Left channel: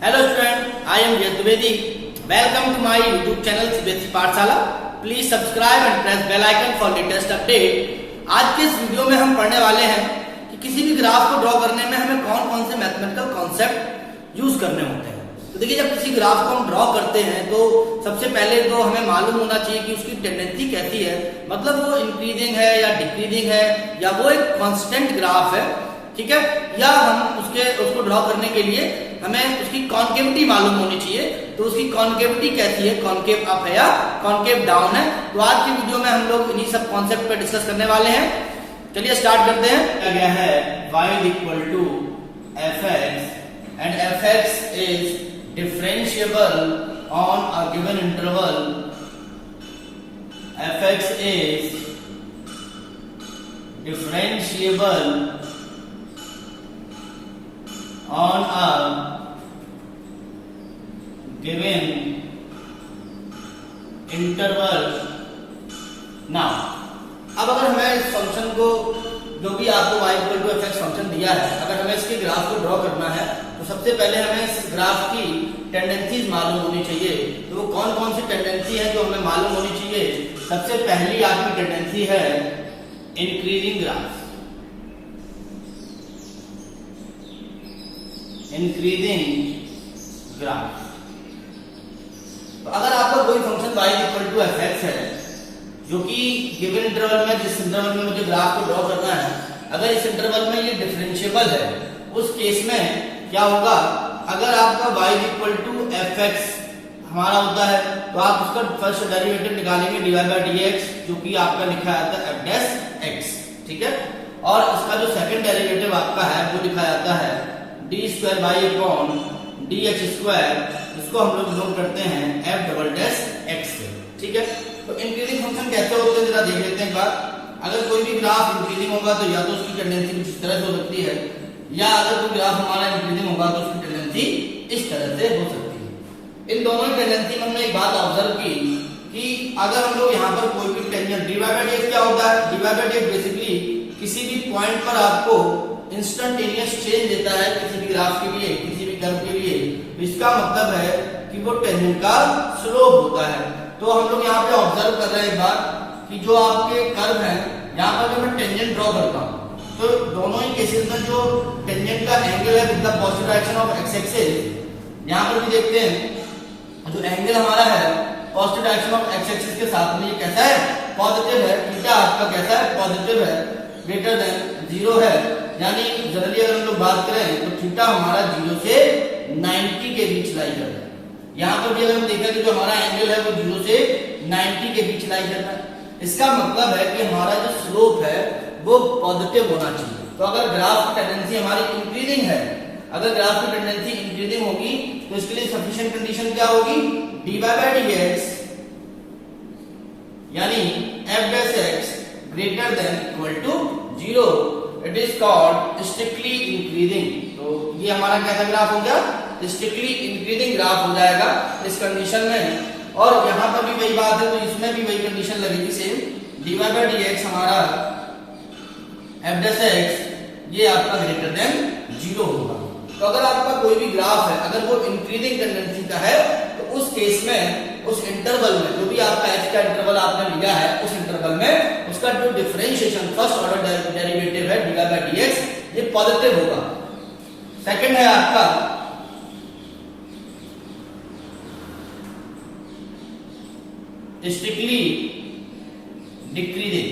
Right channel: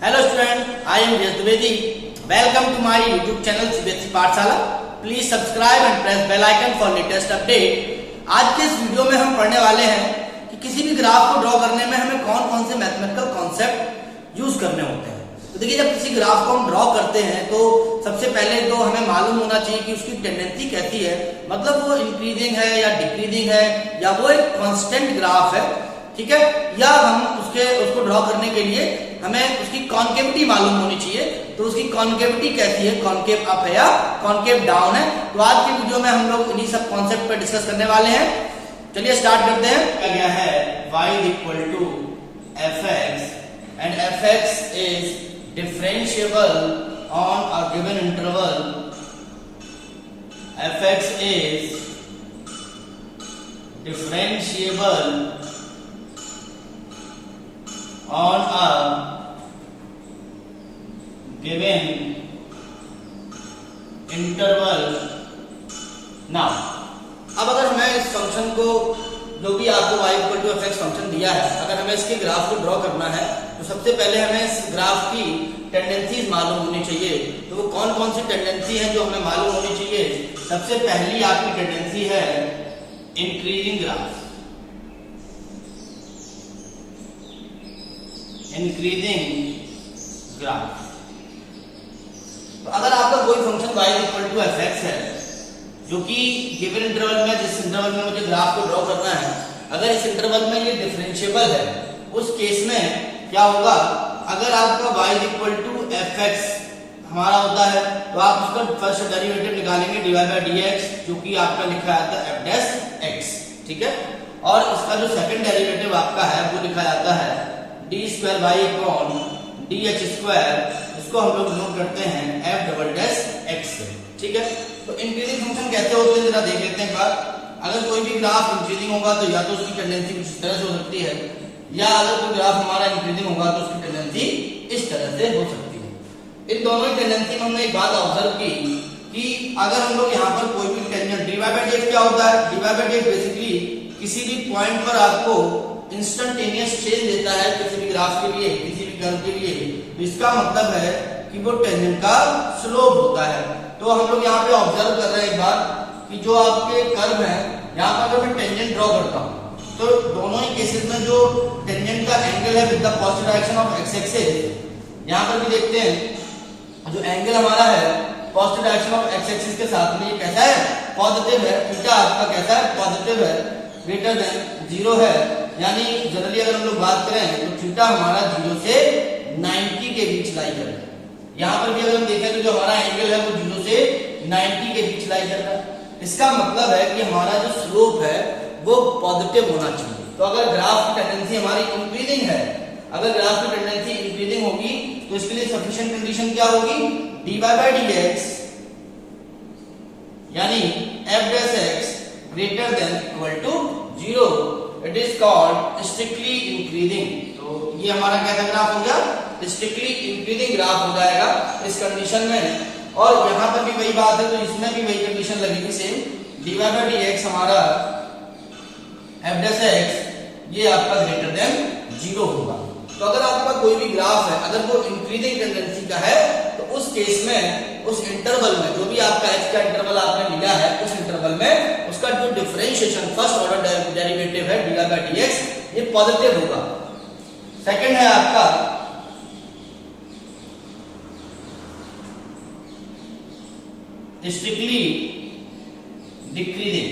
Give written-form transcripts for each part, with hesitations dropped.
Hello student, I am Yash Dwivedi. Welcome to my YouTube channel CBSE पाठशाला. Please subscribe and press bell icon for latest update. आज के इस video में हम पढ़ने वाले हैं कि किसी भी ग्राफ को ड्रॉ करने में हमें कौन कौन से मैथमेटिकल कॉन्सेप्ट यूज करने होते हैं। तो देखिए, जब किसी ग्राफ को हम ड्रॉ करते हैं तो सबसे पहले तो हमें मालूम होना चाहिए कि उसकी टेंडेंसी कैसी है, मतलब वो इंक्रीजिंग है या डिक्रीजिंग है या वो एक कांस्टेंट ग्राफ है, ठीक है। या हम उसको ड्रॉ करने के लिए हमें उसकी कॉन्केविटी मालूम होनी चाहिए। तो उसकी कॉन्केविटी कैसी है, कॉन्केव अप है या कॉन्केव डाउन है। तो आज की वीडियो में हम लोग इन्हीं सब कॉन्सेप्ट पे डिस्कस करने वाले हैं। चलिए स्टार्ट करते हैं। गया है y equal to fx and fx is differentiable on a given interval. fx is differentiable on a given interval. Now, अब अगर हमें इस फंक्शन को, जो भी आपको y equal to fx function दिया है, अगर हमें इसके ग्राफ को ड्रॉ करना है तो सबसे पहले हमें इस ग्राफ की टेंडेंसीज मालूम होनी चाहिए। तो वो कौन कौन सी टेंडेंसी है जो हमें मालूम होनी चाहिए। सबसे पहली आपकी टेंडेंसी है इंक्रीजिंग ग्राफ, इंक्रीजिंग ग्राफ। तो अगर आपका कोई function y equal to fx है जो कि गिवन इंटरवल में, जिस इंटरवल में मुझे ग्राफ को ड्रॉ करना है, अगर इस इंटरवल में ये डिफरेंशिएबल है, उस केस में क्या होगा, अगर आपका y इक्वल टू fx हमारा होता है तो आप उसका फर्स्ट डेरिवेटिव निकालेंगे dy बाय dx, जो कि आपका लिखा जाता है f डैश x, ठीक है। और इसका जो सेकंड डेरिवेटिव आपका है वो लिखा जाता है D square by upon D H square, इसको हम लोग नोट करते हैं f डबल डैश x से, ठीक है। तो इंक्रीजिंग फंक्शन कैसे होते हैं जरा देख लेते हैं एक बार। अगर कोई भी ग्राफ इंक्रीजिंग होगा तो या तो उसकी टेंडेंसी कुछ इस तरह से हो सकती है, या अगर कोई ग्राफ हमारा इंक्रीजिंग होगा तो उसकी टेंडेंसी इस तरह से हो सकती है। इन दोनों की टेंडेंसी में हमने एक बात ऑब्जर्व की कि अगर हम लोग यहाँ पर कोई भी tangent D Y by D X क्या होता है, D Y by D X basically किसी भी पॉइंट पर आपको इंस्टेंटेनियस चेंज देता है किसी भी ग्राफ के लिए, किसी भी कर्व के लिए। तो इसका मतलब है कि वो टेंजेंट का स्लोप होता है। तो हम लोग यहाँ पे ऑब्जर्व कर रहे हैं एक बार कि जो आपके कर्व है, यहाँ पर जो मैं टेंजेंट ड्रॉ करता हूँ तो दोनों ही केसेस में जो टेंजेंट का एंगल है with the positive direction of x axis, यहाँ पर भी देखते हैं जो एंगल हमारा है positive direction of x axis के साथ में ये कैसा है, पॉजिटिव है। थीटा आपका कैसा है, पॉजिटिव है, ग्रेटर देन 0 है। यानी जनरली अगर हम लोग बात करें तो थीटा हमारा 0 से 90 के बीच लाई कर रहा है। यहाँ पर भी अगर हम देखें तो जो हमारा एंगल है वो 0 से 90 के बीच लाई कर रहा है। इसका मतलब है कि हमारा जो स्लोप है वो पॉजिटिव होना चाहिए। तो अगर ग्राफ की टेंडेंसी हमारी इंक्रीजिंग है, अगर ग्राफ की टेंडेंसी इंक्रीजिंग होगी तो इसके लिए सफिशिएंट कंडीशन क्या होगी, dy बाय dx यानी f dash x greater than equal to 0, it is called strictly increasing. तो ये हमारा कैसा ग्राफ हो गया, स्ट्रिक्टली इंक्रीजिंग ग्राफ हो जाएगा इस कंडीशन में। और यहाँ पर भी वही बात है, तो इसमें भी वही कंडीशन लगेगी सेम, dy बाय dx हमारा f डैश x ये आपका ग्रेटर देन 0 होगा। तो अगर आपका कोई भी ग्राफ है, अगर वो इंक्रीजिंग टेंडेंसी का है तो उस केस में, उस इंटरवल में, जो भी आपका x का इंटरवल आपने लिया है, उस इंटरवल में उसका जो डिफरेंशिएशन फर्स्ट ऑर्डर डेरिवेटिव है dy बाय dx ये पॉजिटिव होगा। सेकंड है आपका strictly decreasing.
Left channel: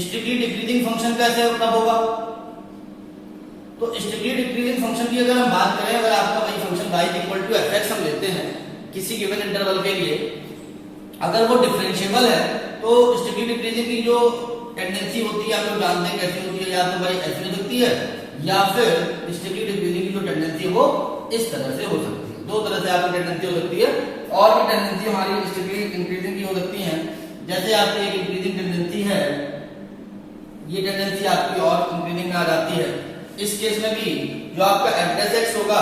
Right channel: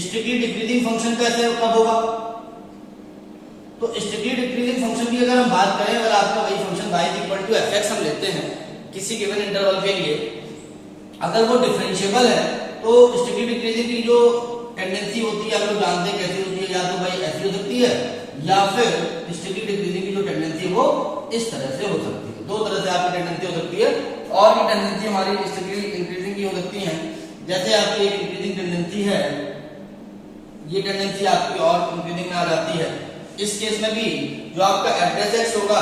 Strictly decreasing function कैसे कब होगा, तो स्ट्रिक्टली डिक्रीजिंग फंक्शन की अगर हम बात करें, अगर आपका वही function y equal to fx हम लेते हैं किसी गिवन इंटरवल के लिए, अगर वो डिफरेंशिएबल है तो स्ट्रिक्टली डिक्रीजिंग की जो टेंडेंसी होती है आप लोग जानते हैं कैसी होती है, या तो भाई ऐसी हो सकती है या फिर स्ट्रिक्टली डिक्रीजिंग की जो टेंडेंसी है वो इस तरह से हो सकती है। दो तरह से आपकी टेंडेंसी हो सकती है। और भी टेंडेंसी हमारी स्ट्रिक्टली इंक्रीजिंग की हो सकती है, जैसे आपकी एक इंक्रीजिंग टेंडेंसी है, ये टेंडेंसी आपकी और इंक्रीजिंग में आ जाती है। इस केस में भी जो आपका f डैश x होगा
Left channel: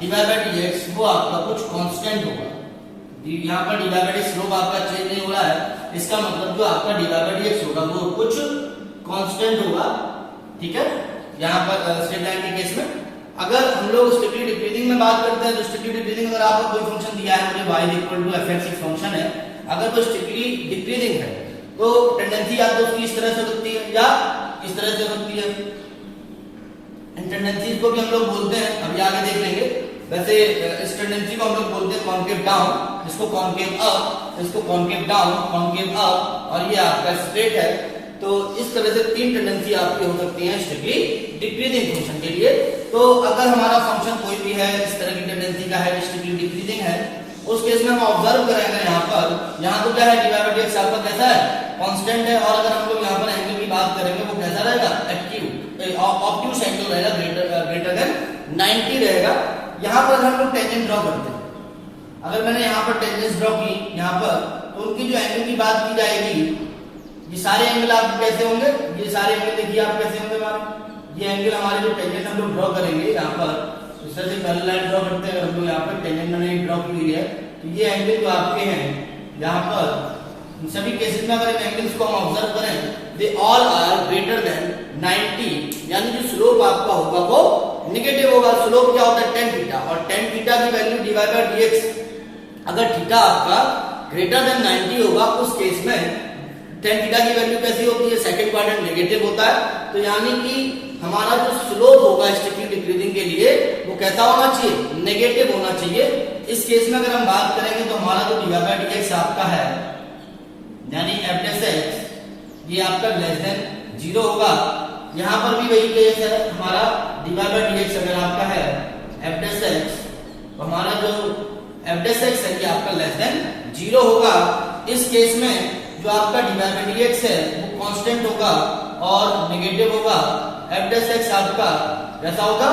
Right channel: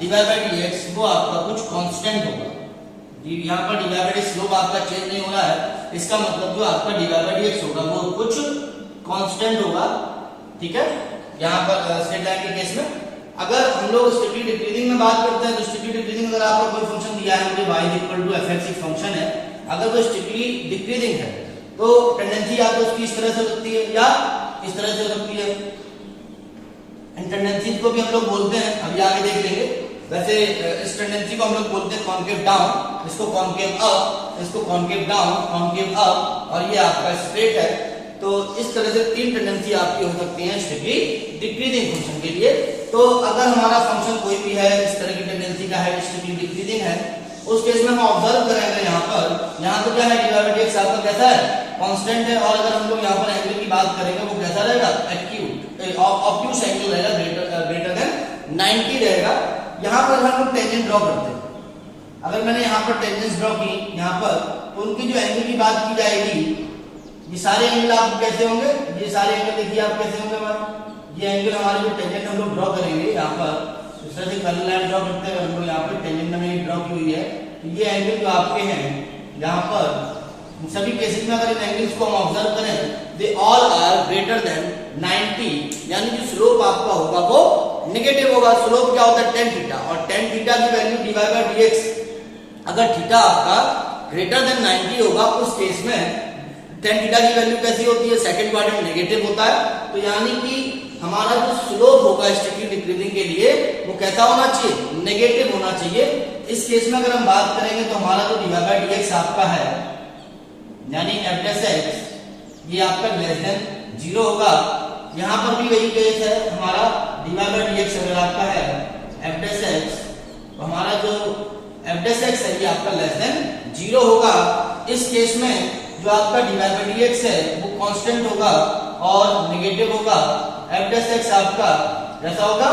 dy बाय dx वो आपका कुछ कांस्टेंट होगा। यहाँ पर dy बाय dx स्लोप आपका चेंज नहीं हो रहा है, इसका मतलब जो आपका dy बाय dx होगा वो कुछ कांस्टेंट होगा, ठीक है। यहाँ पर स्ट्रेट लाइन के केस में अगर हम लोग स्ट्रिक्टली डिक्रीजिंग में बात करते हैं तो स्ट्रिक्टली डिक्रीजिंग अगर आपका कोई फंक्शन दिया है मुझे y equal to F X एक फंक्शन है, अगर वो स्ट्रिक्टली डिक्रीजिंग है तो टेंडेंसी या तो उसकी इस तरह से हो सकती है या इस तरह से हो सकती है। इन टेंडेंसीज को भी हम लोग बोलते हैं, अभी आगे देख लेंगे। वैसे इस टेंडेंसी को हम लोग बोलते हैं कॉन्केव डाउन, इसको कॉन्केव अप, इसको कॉन्केव डाउन, कॉन्केव अप, और ये आपका स्ट्रेट है। तो इस तरह से तीन टेंडेंसी आपकी हो सकती हैं स्ट्रिक्टली डिक्रीजिंग फंक्शन के लिए। तो अगर हमारा फंक्शन कोई भी है इस तरह की टेंडेंसी का है, स्ट्रिक्टली डिक्रीजिंग है, उस केस में हम ऑब्जर्व करेंगे यहाँ तो क्या है डेरिवेटिव आपका कैसा है कांस्टेंट है, और अगर हम लोग यहाँ पर एंगल की बात करेंगे वो कैसा रहेगा ऑब्ट्यूस एंगल रहेगा, ग्रेटर देन 90 रहेगा। यहाँ पर हम लोग टेंजेंट ड्रॉ करते हैं, अगर मैंने यहाँ पर टेंजेंट्स ड्रॉ की यहाँ पर, तो उनकी जो एंगल की बात की जाएगी, ये सारे एंगल आप कैसे होंगे, ये सारे एंगल देखिए आप कैसे होंगे हमारे, ये एंगल हमारे जो टेंजेंट हम लोग ड्रॉ करेंगे यहाँ पर इस तरह से पैरेलल लाइन ड्रॉ करते हैं। अगर हम लोग यहाँ पर टेंजेंट मैंने ड्रॉ की हुई है तो ये एंगल जो आपके हैं यहाँ पर इन सभी केसेस में अगर इन एंगल्स को हम ऑब्जर्व करें they all are greater than 90, यानी जो स्लोप आपका होगा वो नेगेटिव होगा। स्लोप क्या होता है tan थीटा, और tan थीटा की वैल्यू dy बाय dx, अगर थीटा आपका ग्रेटर देन 90 होगा उस केस में tan थीटा की वैल्यू कैसी होती है, सेकंड क्वाड्रेंट नेगेटिव होता है। तो यानी कि हमारा जो स्लोप होगा स्ट्रिक्टली डिक्रीजिंग के लिए वो कैसा होना चाहिए, नेगेटिव होना चाहिए। इस केस में अगर हम बात करेंगे तो हमारा जो dy बाय dx आपका है यानी f डैश x ये आपका लेस देन 0 होगा। यहाँ पर भी वही केस है हमारा dy बाय dx अगर आपका है f डैश x तो हमारा जो f डैश x है ये आपका लेस देन 0 होगा। इस केस में जो आपका dy बाय dx है वो कांस्टेंट होगा और नेगेटिव होगा। f डैश x आपका कैसा होगा,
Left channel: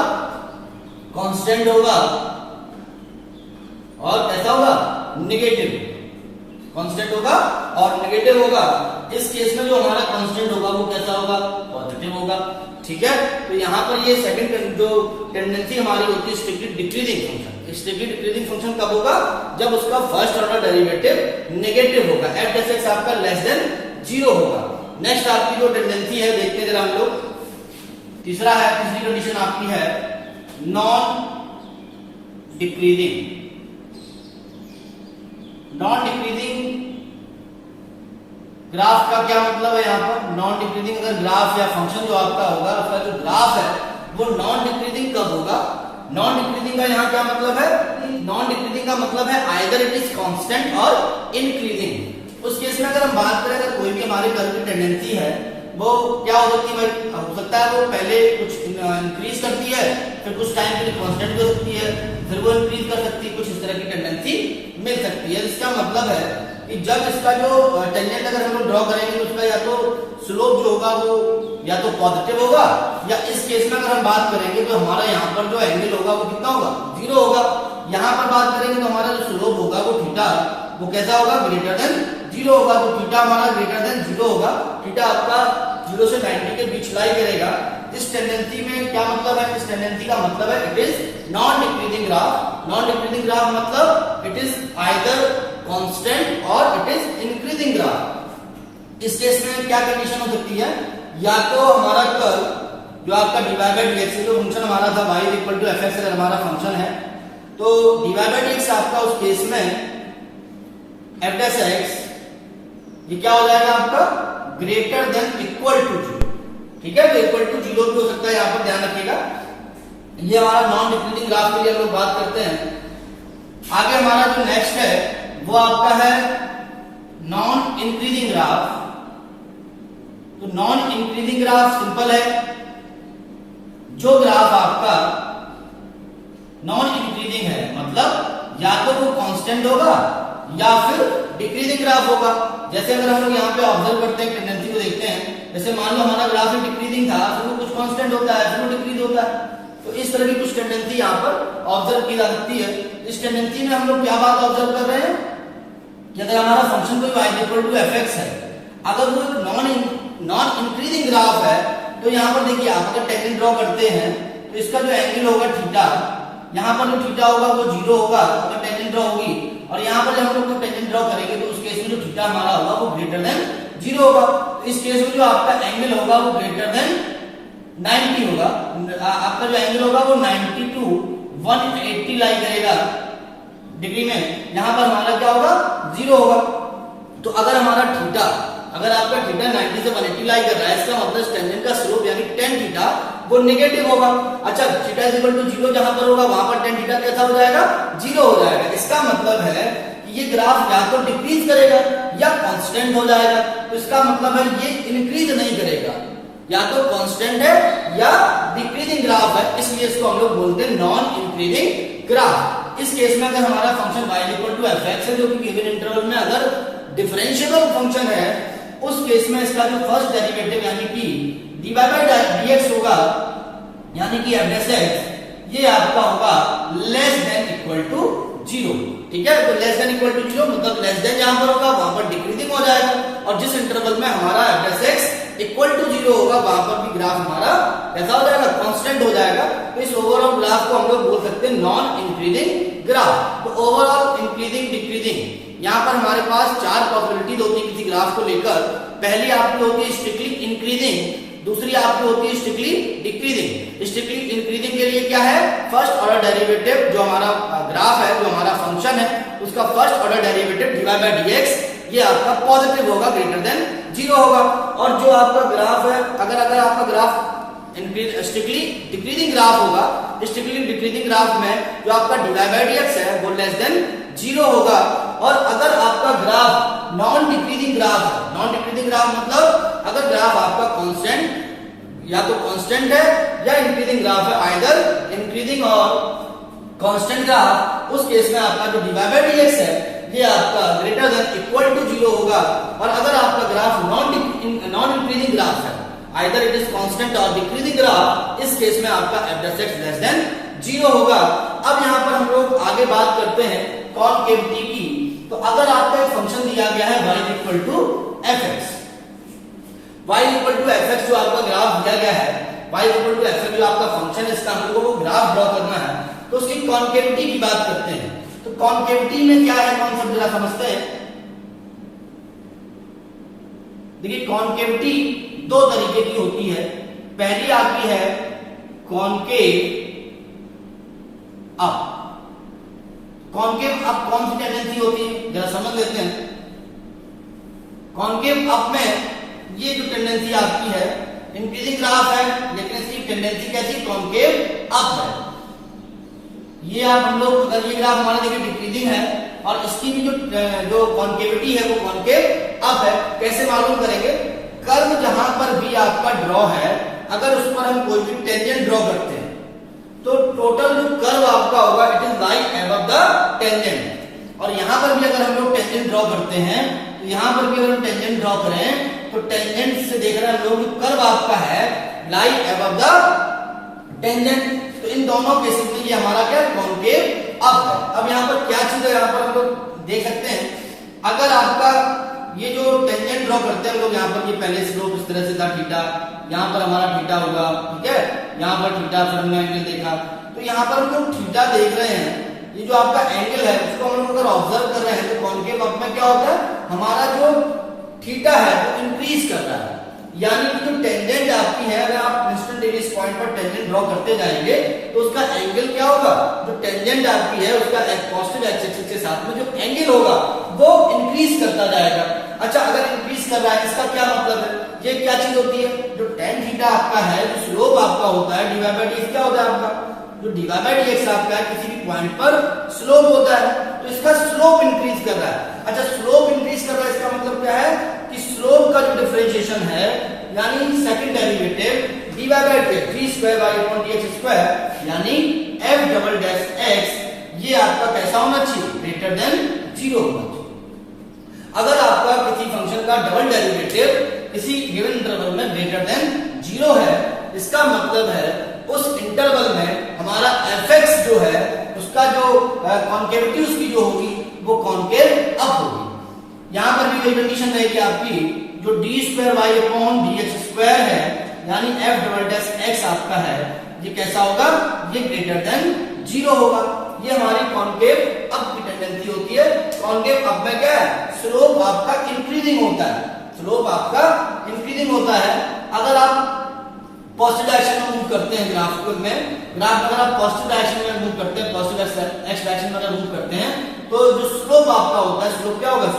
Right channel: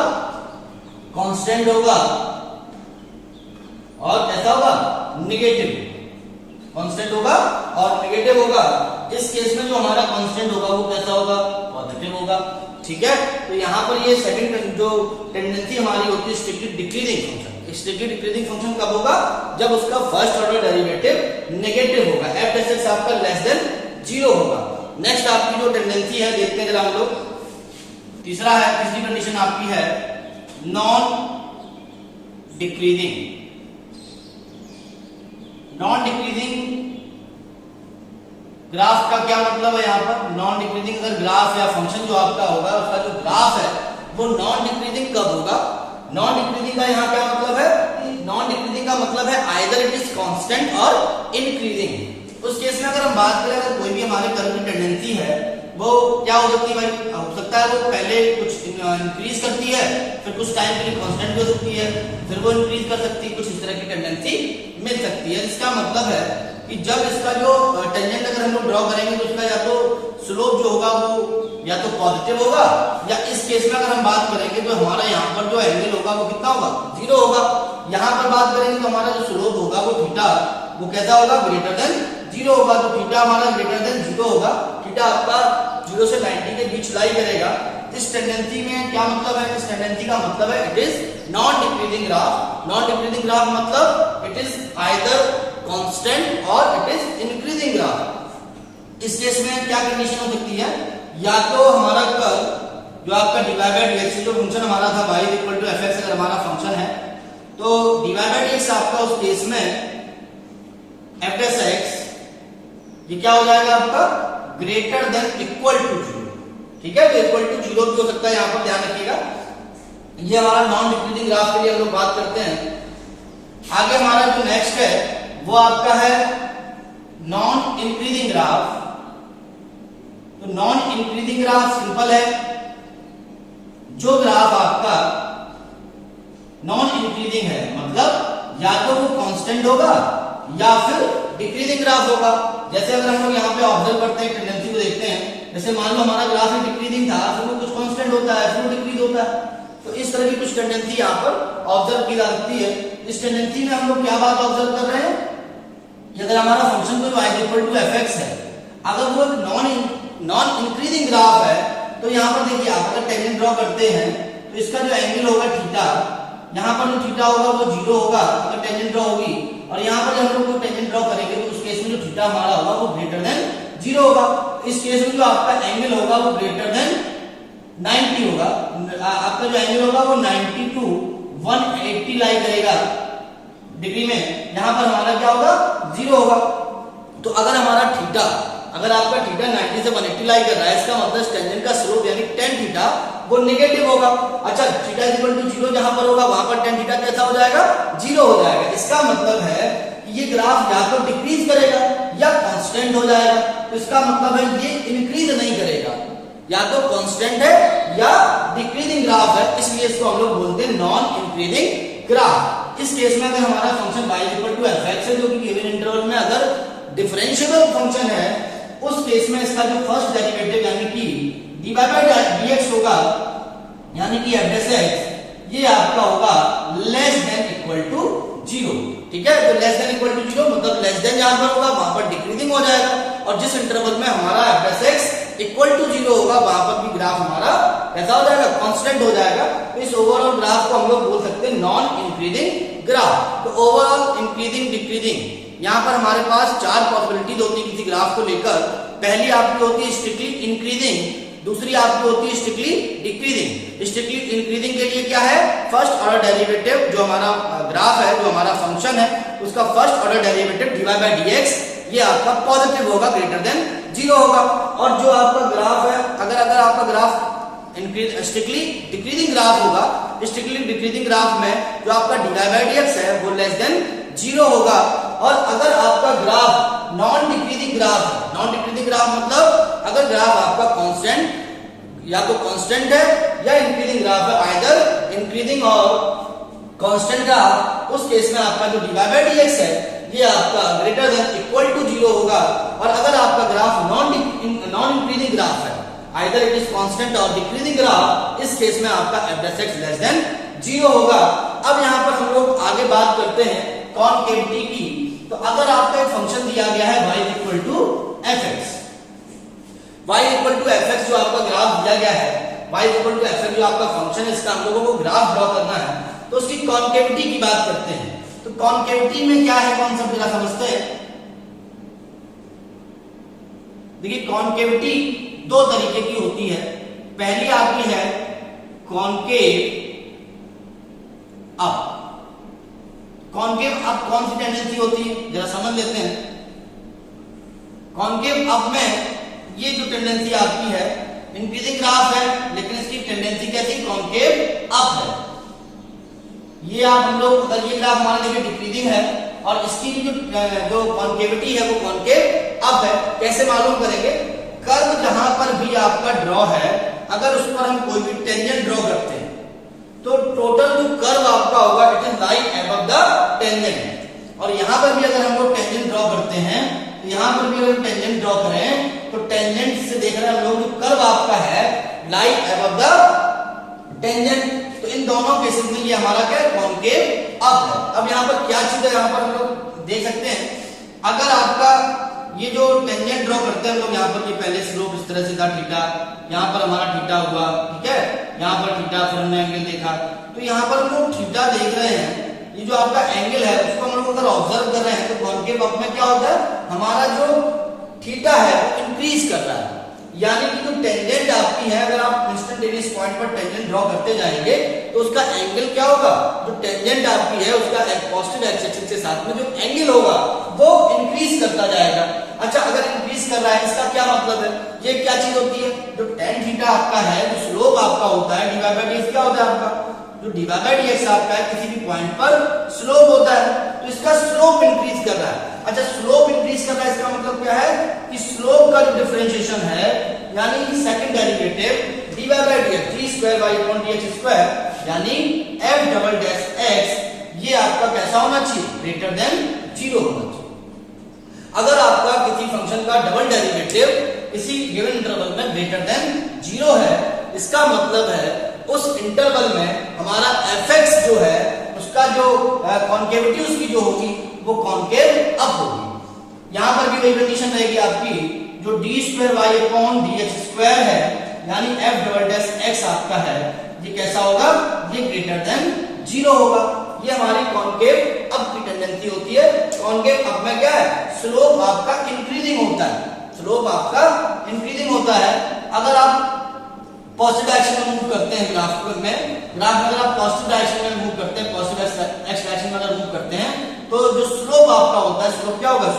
कांस्टेंट होगा और कैसा होगा, नेगेटिव, कांस्टेंट होगा और नेगेटिव होगा। इस केस में जो हमारा कांस्टेंट होगा वो कैसा होगा, पॉजिटिव होगा। ठीक है, तो यहाँ पर ये सेकंड जो टेंडेंसी हमारी होती है strictly decreasing function, strictly decreasing function कब होगा, जब उसका फर्स्ट ऑर्डर डेरिवेटिव नेगेटिव होगा, f डैश x आपका लेस देन 0 होगा। नेक्स्ट आपकी जो टेंडेंसी है देखते हैं जरा हम लोग, तीसरा है, तीसरी कंडीशन आपकी है non decreasing. Non decreasing graph का क्या मतलब है, यहाँ पर नॉन डिक्रीजिंग अगर ग्राफ या फंक्शन जो आपका होगा उसका जो ग्राफ है वो नॉन डिक्रीजिंग कब होगा। नॉन डिक्रीजिंग का यहाँ क्या मतलब है, नॉन डिक्रीजिंग का मतलब है आइदर इट इज कांस्टेंट और इंक्रीजिंग। उस केस में अगर हम बात करें अगर कोई भी हमारे कर्व की टेंडेंसी है वो क्या हो सकती है, हो सकता है वो पहले कुछ इंक्रीज करती है फिर कुछ टाइम के लिए कांस्टेंट भी हो सकती है फिर वो इंक्रीज कर सकती है, कुछ इस तरह की टेंडेंसी मिल सकती है। इसका मतलब है कि जब इसका जो टेंजेंट अगर हम लोग ड्रॉ करेंगे तो उसका या तो स्लोप जो होगा वो या तो पॉजिटिव होगा, या इस केस में अगर हम बात करेंगे तो हमारा यहाँ पर जो एंगल होगा वो कितना होगा, 0 होगा। यहाँ पर बात करेंगे तो हमारा जो स्लोप होगा वो थीटा वो कैसा होगा, ग्रेटर देन 0 होगा। तो थीटा हमारा ग्रेटर देन 0 होगा, थीटा आपका 0 से 90 के बीच लाई करेगा। इस टेंडेंसी में क्या मतलब है, इस टेंडेंसी का मतलब है it is non decreasing graph. Non decreasing graph मतलब इट इज आइदर कांस्टेंट और इट इज इंक्रीजिंग ग्राफ। इस केस में क्या कंडीशन हो सकती है, या तो हमारा कर्व जो आपका dy बाय dx जो फंक्शन हमारा था y इक्वल टू fx अगर हमारा फंक्शन है तो dy बाय dx आपका उस केस में f डैश x ये क्या हो जाएगा आपका ग्रेटर देन इक्वल टू 0। ठीक है, इक्वल टू 0 भी हो सकता है, यहाँ पर ध्यान रखिएगा। ये हमारा नॉन डिक्रीजिंग ग्राफ के लिए हम लोग बात करते हैं। आगे हमारा जो नेक्स्ट है वो आपका है नॉन इंक्रीजिंग ग्राफ। तो नॉन इंक्रीजिंग ग्राफ सिंपल है, जो ग्राफ आपका नॉन इंक्रीजिंग है मतलब या तो वो कांस्टेंट होगा या फिर डिक्रीजिंग ग्राफ होगा। जैसे अगर हम लोग यहाँ पे ऑब्जर्व करते हैं टेंडेंसी को देखते हैं, जैसे मान लो हमारा ग्राफ ही डिक्रीजिंग था फिर वो कुछ कांस्टेंट होता है फिर वो डिक्रीज होता है, तो इस तरह की कुछ टेंडेंसी यहाँ पर ऑब्जर्व की जा सकती है। इस टेंडेंसी में हम लोग क्या बात ऑब्जर्व कर रहे हैं कि अगर हमारा फंक्शन कोई y इक्वल टू fx है, अगर वो एक नॉन इंक्रीजिंग ग्राफ है तो यहाँ पर देखिए आप अगर टेंजेंट ड्रॉ करते हैं तो इसका जो एंगल होगा थीटा, यहाँ पर जो थीटा होगा वो 0 होगा अगर टेंजेंट ड्रॉ होगी, और यहाँ पर जब हम लोग टेंजेंट ड्रॉ करेंगे तो उस केस में जो थीटा हमारा होगा वो ग्रेटर देन 0 होगा। इस केस में जो आपका एंगल होगा वो ग्रेटर देन 90 होगा, आपका जो एंगल होगा वो 90 टू 180 लाई करेगा डिग्री में। यहां पर हमारा क्या होगा, 0 होगा। तो अगर हमारा थीटा, अगर आपका थीटा 90 से 180 लाई कर रहा है, इसका मतलब टेंजेंट का स्लोप यानी tan थीटा वो नेगेटिव होगा। अच्छा, थीटा इक्वल टू 0 जहां पर होगा वहां पर tan थीटा कैसा हो जाएगा, 0 हो जाएगा। इसका मतलब है ये ग्राफ या तो डिक्रीज करेगा या कांस्टेंट हो जाएगा। तो इसका मतलब है ये इंक्रीज नहीं करेगा, या तो कांस्टेंट है या डिक्रीजिंग ग्राफ है, इसलिए इसको हम लोग बोलते हैं नॉन इंक्रीजिंग ग्राफ। इस केस में अगर हमारा function y equal to fx है, जो कि गिवन इंटरवल में अगर डिफरेंशिएबल फंक्शन है, उस केस में इसका जो फर्स्ट डेरिवेटिव यानी कि dy बाय dx होगा, यानी कि f डैश x, ये आपका होगा लेस देन इक्वल टू 0। ठीक है, तो लेस देन इक्वल टू 0 मतलब लेस देन जहां पर होगा वहां पर डिक्रीजिंग हो जाएगा, और जिस इंटरवल में हमारा f dash x equal to 0 होगा वहां पर भी ग्राफ हमारा कैसा हो जाएगा, कांस्टेंट हो जाएगा। तो इस ओवरऑल ग्राफ को हम लोग बोल सकते हैं नॉन इंक्रीजिंग ग्राफ। तो ओवरऑल इंक्रीजिंग डिक्रीजिंग, यहाँ पर हमारे पास 4 पॉसिबिलिटीज होती है किसी ग्राफ को लेकर। पहली आपकी होती है स्ट्रिक्टली इंक्रीजिंग, दूसरी आपकी होती है स्ट्रिक्टली डिक्रीजिंग। स्ट्रिक्टली इंक्रीजिंग के लिए क्या है, फर्स्ट ऑर्डर डेरिवेटिव जो हमारा ग्राफ है, जो हमारा फंक्शन है, उसका first order derivative dy by dx ये आपका पॉजिटिव होगा, ग्रेटर देन 0 होगा। और जो आपका ग्राफ है, अगर आपका ग्राफ स्ट्रिक्टली डिक्रीजिंग ग्राफ होगा, स्ट्रिक्टली डिक्रीजिंग ग्राफ में जो आपका dy बाय dx है वो लेस देन 0 होगा। और अगर आपका ग्राफ नॉन डिक्रीजिंग ग्राफ है, नॉन डिक्रीजिंग ग्राफ मतलब अगर ग्राफ आपका कांस्टेंट या तो कांस्टेंट है या इंक्रीजिंग ग्राफ है, आइदर इंक्रीजिंग और कांस्टेंट ग्राफ, उस केस में आपका जो dy बाय dx है ये आपका ग्रेटर देन इक्वल टू 0 होगा। और अगर आपका ग्राफ नॉन इंक्रीजिंग ग्राफ है, आइदर इट इज कांस्टेंट और डिक्रीजिंग ग्राफ, इस केस में आपका f dash x less than 0 होगा। अब यहाँ पर हम लोग आगे बात करते हैं कॉनकेविटी की। तो अगर आपको एक फंक्शन दिया गया है y equal to fx, y equal to fx जो आपका ग्राफ दिया गया है, y इक्वल टू fx जो आपका फंक्शन है, इसका हम लोगों को ग्राफ ड्रॉ करना है, तो उसकी कॉनकेविटी की बात करते हैं। तो कॉनकेविटी में क्या है, कौन सब जरा समझते हैं। देखिए कॉनकेविटी 2 तरीके की होती है। पहली आपकी है कॉनकेव अप। कॉनकेव अप कौन सी टेंडेंसी होती है, जरा समझ लेते हैं। कॉनकेव अप में ये जो टेंडेंसी आपकी है, इंक्रीजिंग ग्राफ है लेकिन इसकी टेंडेंसी कैसी, कॉनकेव अप है। ये आप हम लोग, अगर ये ग्राफ हमारा देखिए डिक्रीजिंग है और इसकी भी जो कॉनकेविटी है वो कॉनकेव अप है। कैसे मालूम करेंगे, कर्व जहां पर भी आपका ड्रॉ है, अगर उस पर हम कोई भी टेंजेंट ड्रॉ करते हैं तो टोटल जो कर्व आपका होगा it is like above the tangent. और यहां पर भी अगर हम लोग टेंजेंट ड्रॉ करते हैं, तो यहां पर भी अगर टेंजेंट ड्रॉ करें तो टेंजेंट से देख रहे हैं हम लोग जो कर्व आपका है लाइक अबव द टेंजेंट। तो इन दोनों केसेस के लिए हमारा क्या कॉनकेव अप है। अब यहाँ पर क्या चीज है, यहाँ पर हम लोग देख सकते हैं, अगर आपका ये जो टेंजेंट ड्रॉ करते हैं लोग, यहाँ पर ये पहले स्लोप इस तरह से था थीटा, यहाँ पर हमारा थीटा हुआ, ठीक है, यहाँ पर थीटा, फिर हमने एंगल देखा। तो यहाँ पर हम लोग थीटा देख रहे हैं, ये जो आपका एंगल है उसको हम लोग अगर ऑब्जर्व कर रहे हैं तो कॉनकेव अप में क्या होता है, हमारा जो थीटा है वो इंक्रीज कर रहा है। यानी कि जो टेंजेंट आपकी है, अगर आप इंस्टेंटेनियस पॉइंट पर टेंजेंट ड्रॉ करते जाएंगे तो उसका एंगल क्या होगा, जो टेंजेंट आपकी है उसका पॉजिटिव एक्स एक्सिस के साथ में जो एंगल होगा वो इंक्रीज करता जाएगा। अच्छा, अगर इंक्रीज कर रहा है इसका क्या मतलब है, ये क्या चीज होती है, जो tan थीटा आपका है, जो स्लोप आपका होता है, dy बाय dx क्या होता है आपका, जो dy बाय dx आपका है किसी भी पॉइंट पर स्लोप होता है, तो इसका स्लोप इंक्रीज कर रहा है। अच्छा, स्लोप इंक्रीज कर रहा है इसका मतलब क्या है कि स्लोप का जो डिफरेंशिएशन है, यानी second derivative dy by dx g square by upon dx square, यानी f डबल डैश x, ये आपका कैसा होना चाहिए, ग्रेटर देन 0 होना चाहिए। अगर आपका किसी फंक्शन का डबल डेरिवेटिव किसी गिवन इंटरवल में ग्रेटर देन 0 है, इसका मतलब है उस इंटरवल में हमारा fx जो है उसका जो कॉनकेविटी उसकी जो होगी वो कॉनकेव अप होगी। यहां पर भी वही कंडीशन रहेगी आपकी, जो d square Y upon dx square है, यानी f डबल डैश x आपका है, ये कैसा होगा, ये ग्रेटर देन 0 होगा। ये हमारी कॉनकेव अप की टेंडेंसी होती है। कॉनकेव अप में क्या है, स्लोप आपका इंक्रीजिंग होता है, स्लोप आपका इंक्रीजिंग होता है। अगर आप पॉजिटिव डायरेक्शन में मूव करते हैं ग्राफ में अगर आप पॉजिटिव डायरेक्शन में मूव करते हैं, पॉजिटिव एक्स डायरेक्शन में अगर मूव करते हैं, तो जो स्लोप आपका होता है, स्लोप क्या होगा?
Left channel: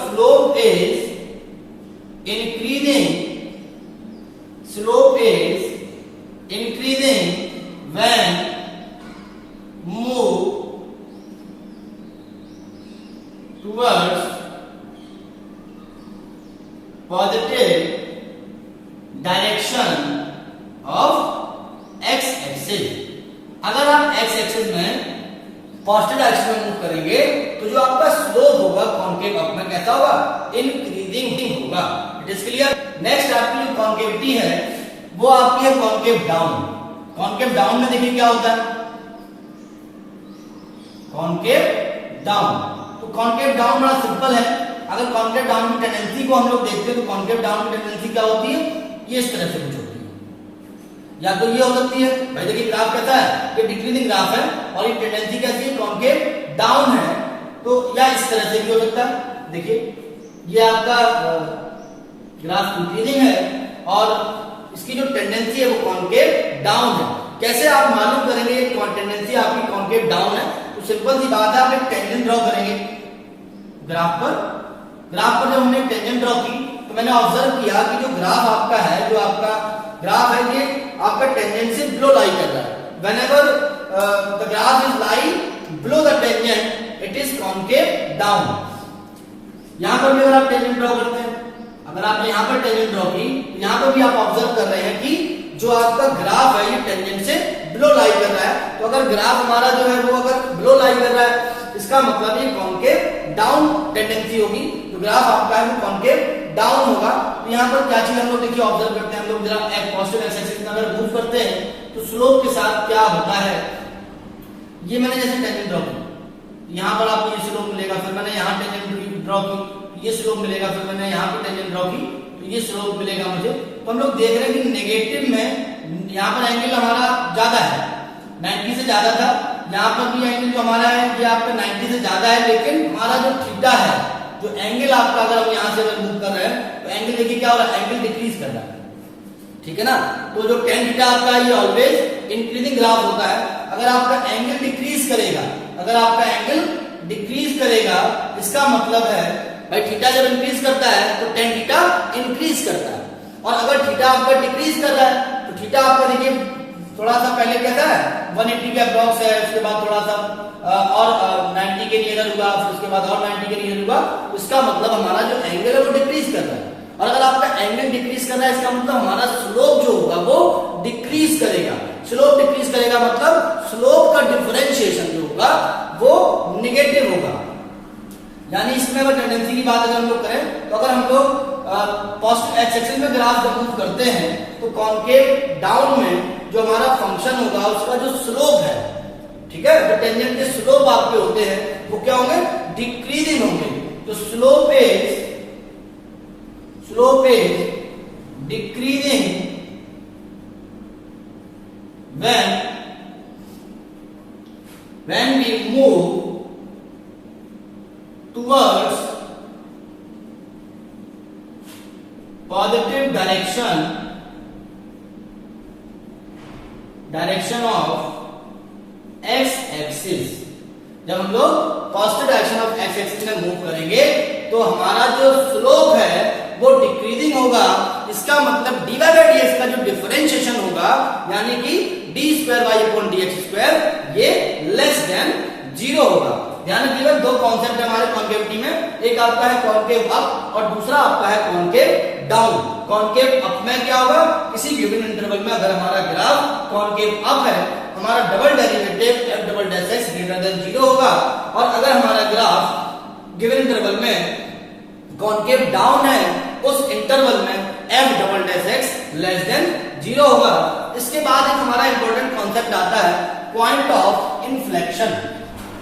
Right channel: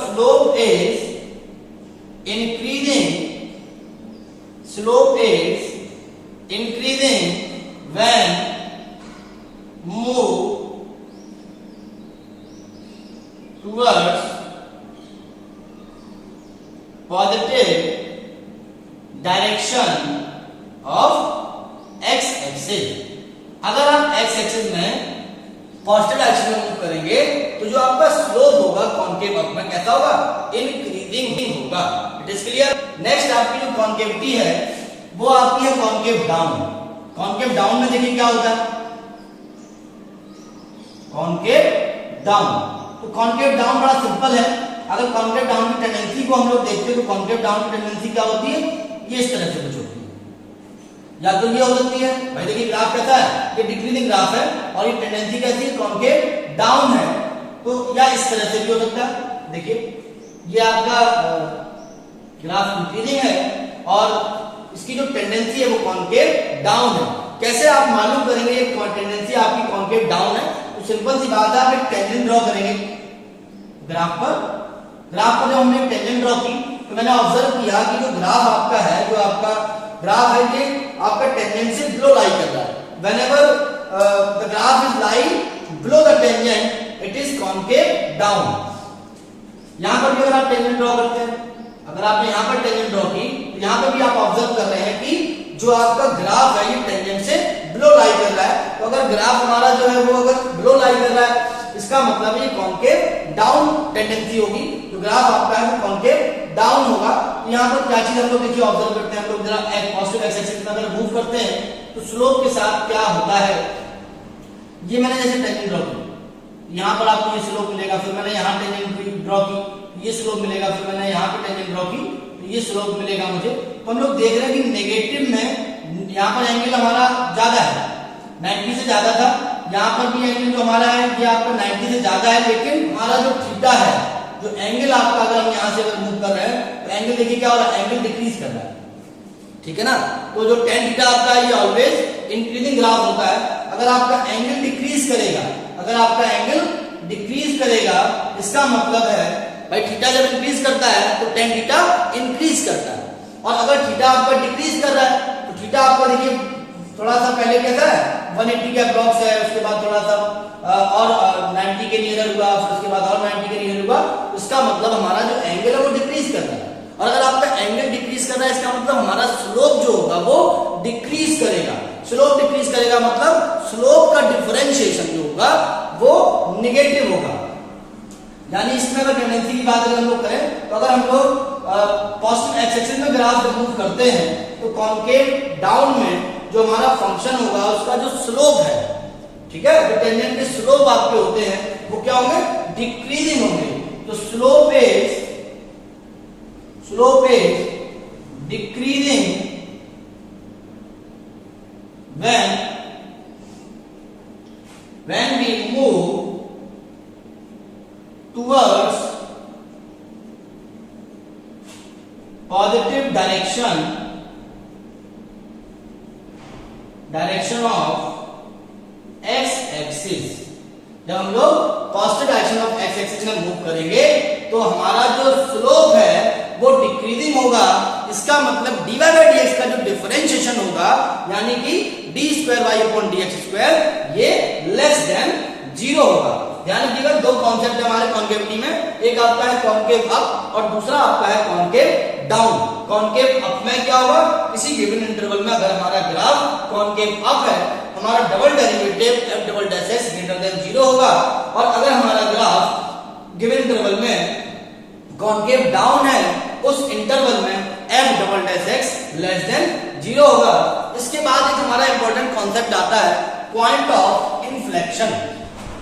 Slope is increasing when move towards positive direction of x axis. अगर आप एक्स एक्सिस में पॉजिटिव डायरेक्शन में मूव करेंगे तो जो आपका स्लोप होगा कॉन्केव अप में कैसा होगा? इंक्रीजिंग होगा। It is clear. नेक्स्ट आपकी जो कॉन्केविटी है वो आपकी है कॉन्केव डाउन। कॉन्केव डाउन में देखिए क्या होता है, कॉन्केव डाउन। तो कॉन्केव डाउन बड़ा सिंपल है। अगर कॉन्केव डाउन की टेंडेंसी को हम लोग देखते हैं तो कॉन्केव डाउन की टेंडेंसी क्या होती है? ये इस तरह से कुछ होती है, या तो ये हो सकती है। भाई देखिए ग्राफ कैसा है? ये डिक्रीजिंग ग्राफ है और ये टेंडेंसी कैसी है? कॉन्केव डाउन है। तो या इस तरह से भी हो सकता है। देखिए ये आपका ग्राफ डिक्रीजिंग है और इसकी जो टेंडेंसी है वो कॉन्केव डाउन है। कैसे आप मालूम करेंगे ये टेंडेंसी आपकी कॉन्केव डाउन है? तो सिंपल सी बात है, आप एक टेंजेंट ड्रॉ करेंगे ग्राफ पर। ग्राफ पर जब हमने टेंजेंट ड्रॉ की तो मैंने ऑब्जर्व किया कि जो ग्राफ आपका है, जो आपका ग्राफ है, ये आपका टेंजेंट से बिलो लाई कर रहा है। whenever the graph is lying below the tangent it is concave down। यहां पर भी अगर आप टेंजेंट ड्रॉ करते हैं, अगर आपने यहां पर टेंजेंट ड्रॉ की तो यहां पर भी आप ऑब्जर्व कर रहे हैं कि जो आपका ग्राफ है ये टेंजेंट से बिलो लाई कर रहा है। तो अगर ग्राफ हमारा जो है वो अगर बिलो लाई कर रहा है, इसका मतलब ये कॉन्केव डाउन टेंडेंसी होगी। तो ग्राफ आपका है वो कॉन्केव डाउन होगा। तो यहाँ पर क्या चीज हम लोग देखिए ऑब्जर्व करते हैं, हम लोग जरा पॉजिटिव एक्स एक्सिस में अगर मूव करते हैं तो स्लोप के साथ क्या होता है? ये मैंने जैसे टेंजेंट ड्रॉ की, यहाँ पर आपको ये स्लोप मिलेगा, फिर मैंने यहाँ टेंजेंट ड्रॉ की, ये स्लोप मिलेगा, फिर मैंने यहाँ पर टेंजेंट ड्रॉ की, तो ये स्लोप मिलेगा मुझे। तो हम लोग देख रहे हैं कि नेगेटिव में यहाँ पर एंगल हमारा ज्यादा है, 90 से ज्यादा था। यहाँ पर भी एंगल जो हमारा है ये आपका 90 से ज्यादा है, लेकिन हमारा जो थीटा है, जो एंगल आपका अगर हम यहाँ से अगर मूव कर रहे हैं तो एंगल देखिए क्या हो रहा है? एंगल डिक्रीज कर रहा है, ठीक है ना। तो जो टेन थीटा आपका है ये ऑलवेज इंक्रीजिंग ग्राफ होता है। अगर आपका एंगल डिक्रीज करेगा, अगर आपका एंगल डिक्रीज करेगा, इसका मतलब है भाई थीटा जब इंक्रीज करता है तो टेन थीटा इंक्रीज करता है। और अगर थीटा आपका डिक्रीज कर रहा है तो थीटा आपका देखिए थोड़ा सा पहले कैसा है? 180 के अप्रॉक्स है, उसके बाद थोड़ा सा और 90 के नियर हुआ, फिर उसके बाद और 90 के नियर हुआ। इसका मतलब हमारा जो एंगल है वो डिक्रीज कर रहा है। और अगर आपका एंगल डिक्रीज कर रहा है इसका मतलब हमारा स्लोप जो होगा वो डिक्रीज करेगा। स्लोप डिक्रीज करेगा मतलब स्लोप का डिफरेंशिएशन जो होगा वो निगेटिव होगा। यानी इसमें अगर टेंडेंसी की बात अगर हम लोग करें तो अगर हम लोग पॉजिटिव एक्स एक्सिस में ग्राफ जब मूव करते हैं तो कॉन्केव डाउन में जो हमारा फंक्शन होगा उसका जो स्लोप है, ठीक है, जो टेंजेंट के स्लोप आपके होते हैं वो क्या होंगे? डिक्रीजिंग होंगे। तो slope is decreasing when we move towards positive direction of x axis। जब हम लोग positive direction of x axis में मूव करेंगे तो हमारा जो स्लोप है वो डिक्रीजिंग होगा। इसका मतलब dy बाई dx का जो डिफरेंशिएशन होगा यानी कि d square Y upon dx square ये लेस देन 0 होगा। ध्यान रखिएगा दो कॉन्सेप्ट है हमारे कॉन्केविटी में, एक आपका है कॉन्केव अप और दूसरा आपका है कॉन्केव डाउन। कॉन्केव अप में क्या होगा? किसी गिवन इंटरवल में अगर हमारा ग्राफ कॉन्केव अप है हमारा double derivative f double dash x greater then 0 होगा। और अगर हमारा ग्राफ गिवन इंटरवल में कॉन्केव डाउन है उस इंटरवल में f double dash x less than 0 होगा। इसके बाद एक हमारा इंपॉर्टेंट कॉन्सेप्ट आता है point of inflection.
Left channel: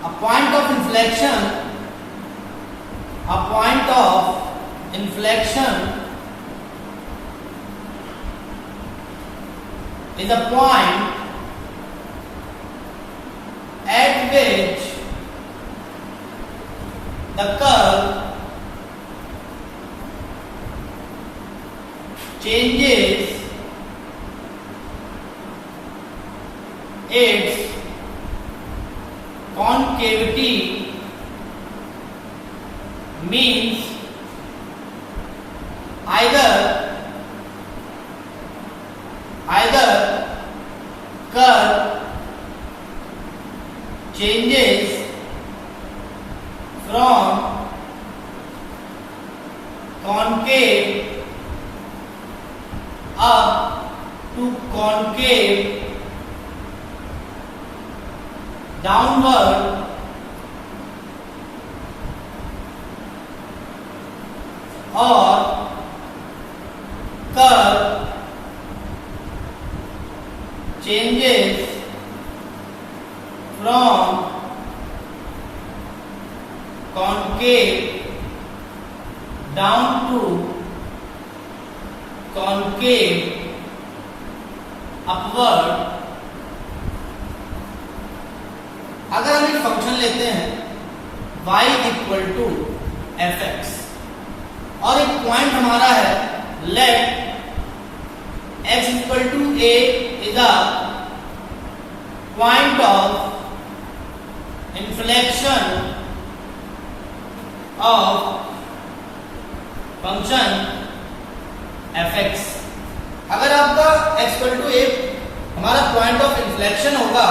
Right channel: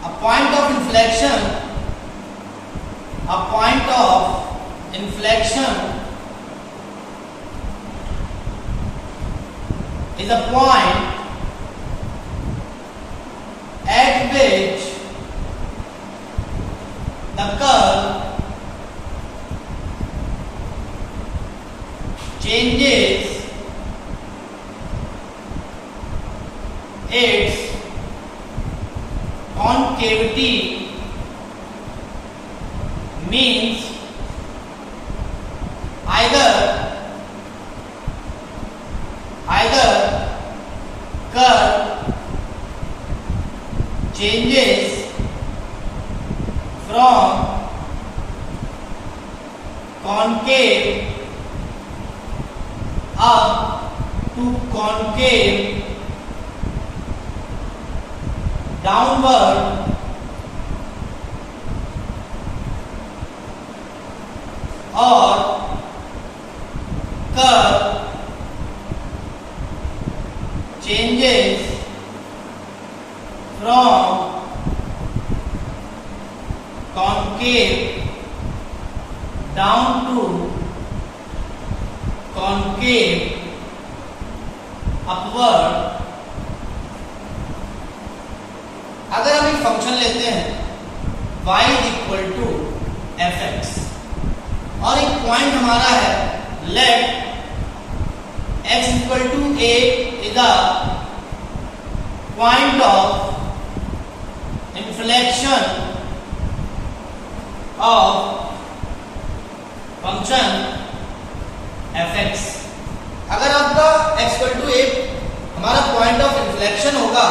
A point of inflection is a point at which the curve changes concavity means either curve changes from concave up to concave downward or curve changes from concave down to concave upward। अगर हम एक function लेते हैं y equal to F X और एक point हमारा है let x equal to a is the point of inflection of function fx। अगर आपका x इक्वल टू a हमारा पॉइंट ऑफ इन्फ्लेक्शन होगा,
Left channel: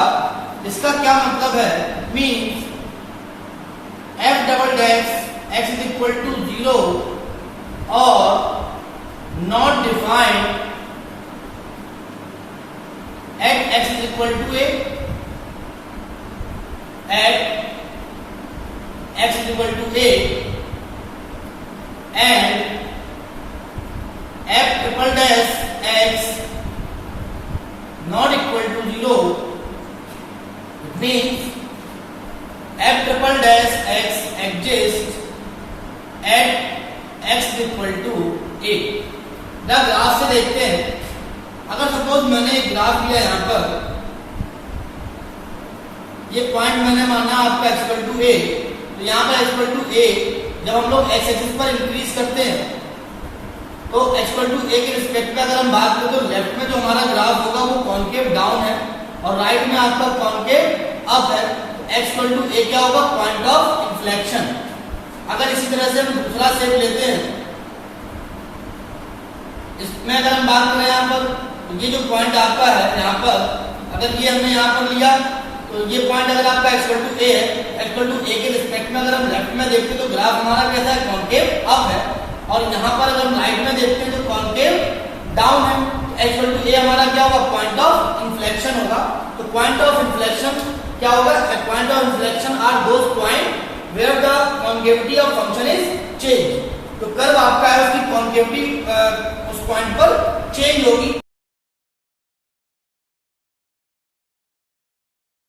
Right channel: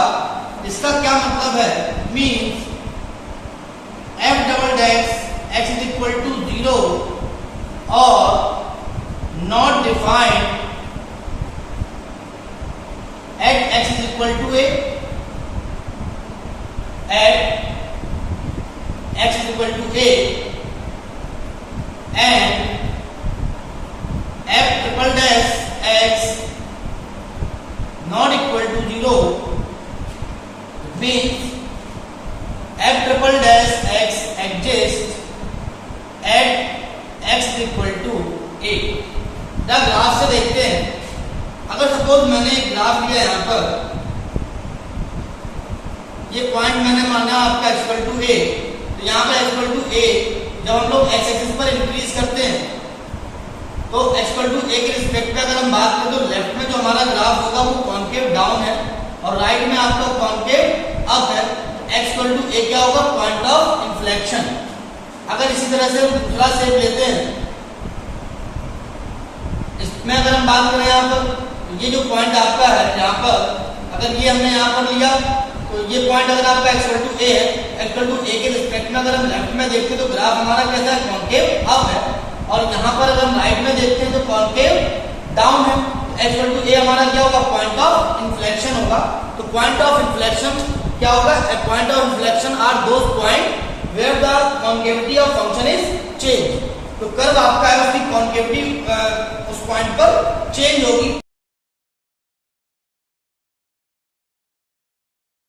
इसका क्या मतलब है, means f double dash x is equal to 0 और not defined at x is equal to a, at x is equal to a and f triple dash x not equal to 0 means f triple dash x exists at x is equal to a। The graph से देखते हैं, अगर suppose मैंने एक graph लिया यहाँ पर, ये पॉइंट मैंने माना आपका x इक्वल टू a, तो यहाँ पर x इक्वल टू a जब हम लोग x एक्सिस पर इंक्रीज करते हैं तो x इक्वल टू a के रिस्पेक्ट में अगर हम बात करें तो लेफ्ट में जो हमारा ग्राफ होगा वो कॉन्केव डाउन है और राइट में आपका कॉन्केव अप है। x इक्वल टू a क्या होगा, पॉइंट ऑफ इन्फ्लेक्शन। अगर इसी तरह से हम दूसरा शेप लेते हैं, इसमें अगर हम बात करें यहाँ पर, ये जो पॉइंट आपका है यहाँ पर, अगर ये हमने यहाँ पर लिया तो ये पॉइंट अगर आपका x इक्वल टू a है, x इक्वल टू a के रिस्पेक्ट में अगर हम लेफ्ट में देखते हैं तो ग्राफ हमारा कैसा है, कॉन्केव अप है और यहाँ पर अगर हम राइट में देखते हैं तो कॉन्केव डाउन है। x इक्वल टू a हमारा क्या होगा, पॉइंट ऑफ इन्फ्लेक्शन होगा। तो पॉइंट ऑफ इन्फ्लेक्शन क्या होगा, point of inflection are those points where the concavity of function is change. तो कर्व आपका है उसकी कॉन्केविटी उस पॉइंट पर चेंज होगी।